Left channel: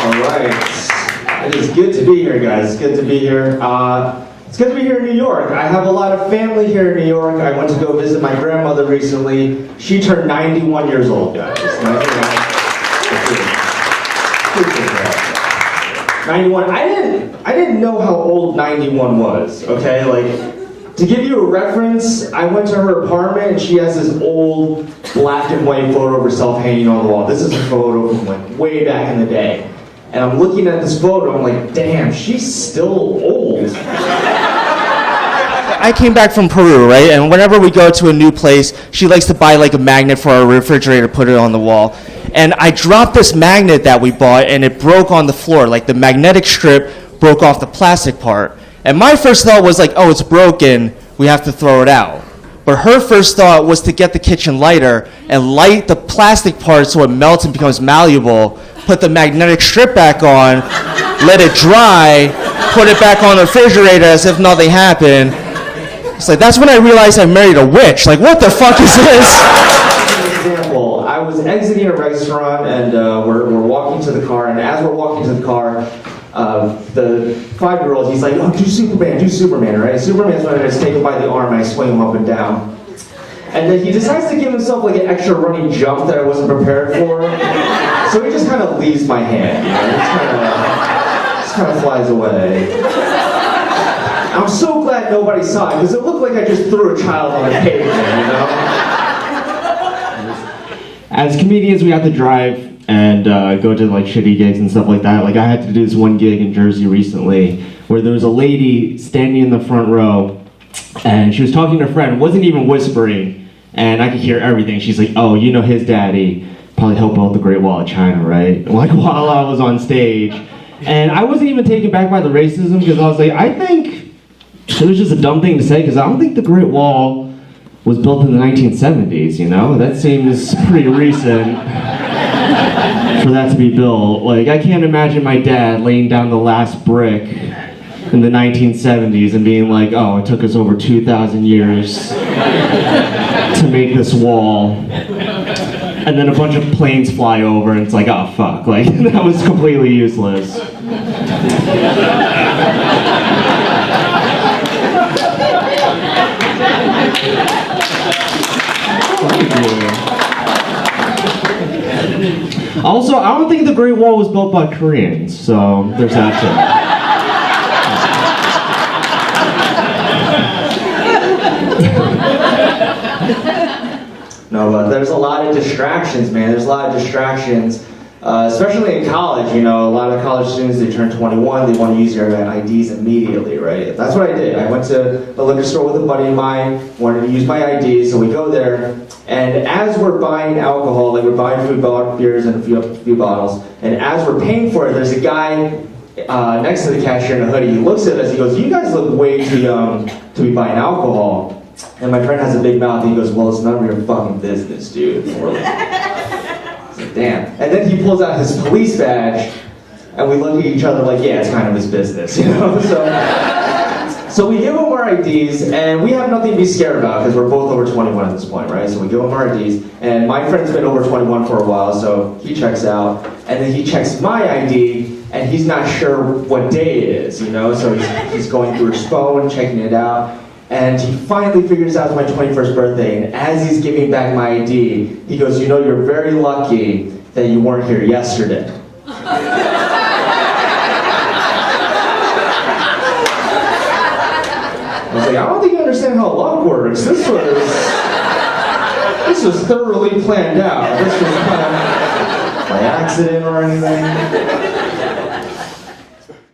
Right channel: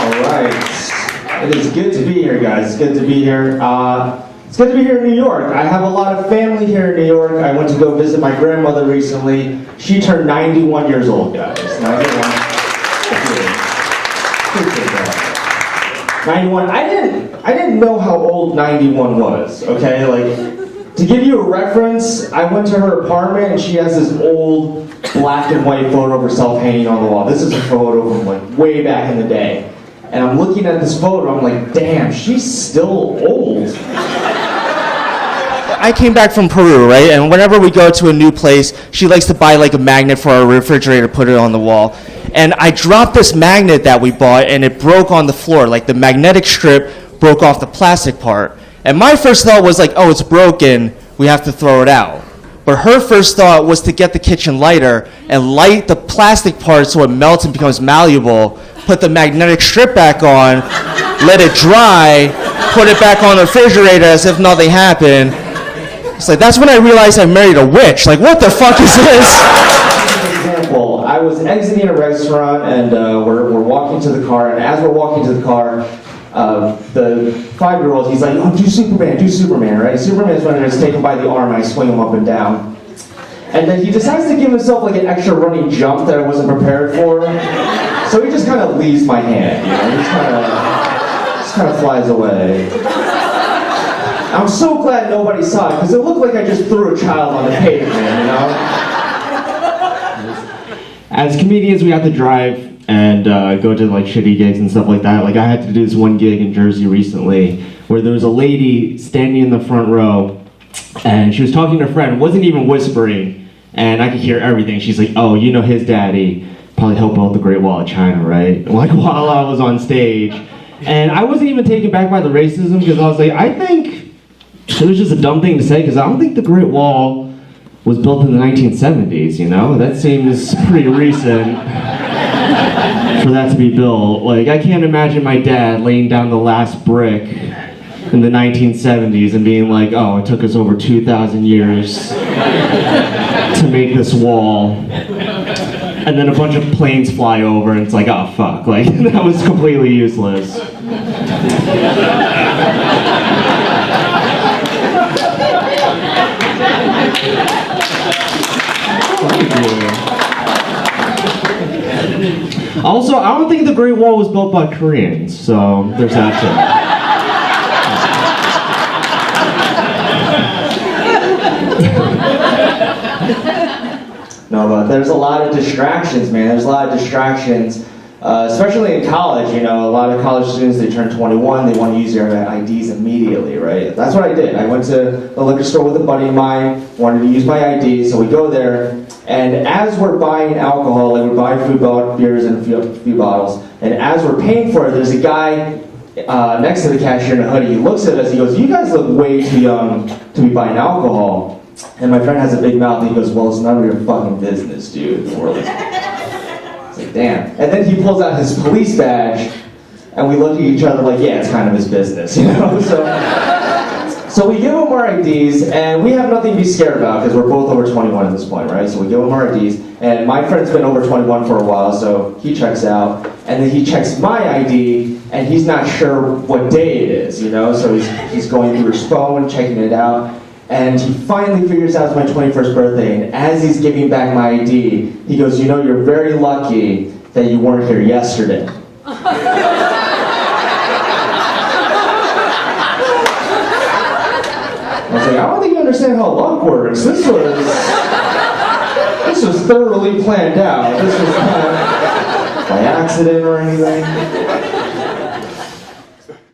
All right. It is good to be here, guys. It's good to be here. It's good to be here in New York. I have a lot of family here in New York. I went to go visit my grandmother recently. She turned 91 years old, guys. 91. I didn't know how old 91 was, okay? Like, to give you a reference, I went to her apartment and she has this old black and white photo of herself hanging on the wall. This is a photo from like way back in the day. And I'm looking at this photo, I'm like, damn, she's still old. I'll give you an example. I was exiting a restaurant and we're walking to the car, and as we're walking to the car, the 5-year-old, he's like, oh, do Superman, right? Superman's when I just take him by the arm and I swing him up and down. And then he decides to give himself like an extra running jump that I wasn't prepared for. So he just kind of leaves my hand, you know? He just kind of flies away. I'm so glad nobody saw it, because it looked like I just threw a child on the pavement, you know? As comedians, we have to drive and go to like shitty gigs and stuff like that. Like I had to do this one gig in Jersey recently where there was a lady standing in the front row and she was talking to a friend, wasn't even whispering, and I could hear everything. She's like, oh, you know his daddy probably helped build the Great Wall of China, right? Like while I was on stage. And I wasn't even taken back by the racism because I was like, I think it was just a dumb thing to say because I don't think the Great Wall was built in the 1970s, you know? That seems pretty recent for that to be built. Like, I can't imagine my dad laying down the last brick in the 1970s and being like, oh, it took us over 2,000 years to make this wall. And then a bunch of planes fly over and it's like, oh, fuck. Like, that was completely useless. Also, I don't think the Great Wall was built by Koreans, so there's that too. No, but there's a lot of distractions, man. There's a lot of distractions, especially in college. You know, a lot of college students, they turn 21, they want to use their IDs immediately, right? That's what I did. I went to a liquor store with a buddy of mine, wanted to use my ID, so we go there. And as we're buying alcohol, like we're buying food, beers, and a few bottles, and as we're paying for it, there's a guy next to the cashier in a hoodie. He looks at us, he goes, you guys look way too young to be buying alcohol. And my friend has a big mouth, and he goes, well, it's none of your fucking business, dude. And we're like, damn. And then he pulls out his police badge, and we look at each other like, yeah, it's kind of his business, you know? So we give him our IDs, and we have nothing to be scared about because we're both over 21 at this point, right? So we give him our IDs, and my friend's been over 21 for a while, so he checks out, and then he checks my ID, and he's not sure what day it is, you know? So he's going through his phone, checking it out, and he finally figures out it's my 21st birthday, and as he's giving back my ID, he goes, you know, you're very lucky that you weren't here yesterday. I was like, I don't think you understand how luck works. This was thoroughly planned out. This was not by accident or anything.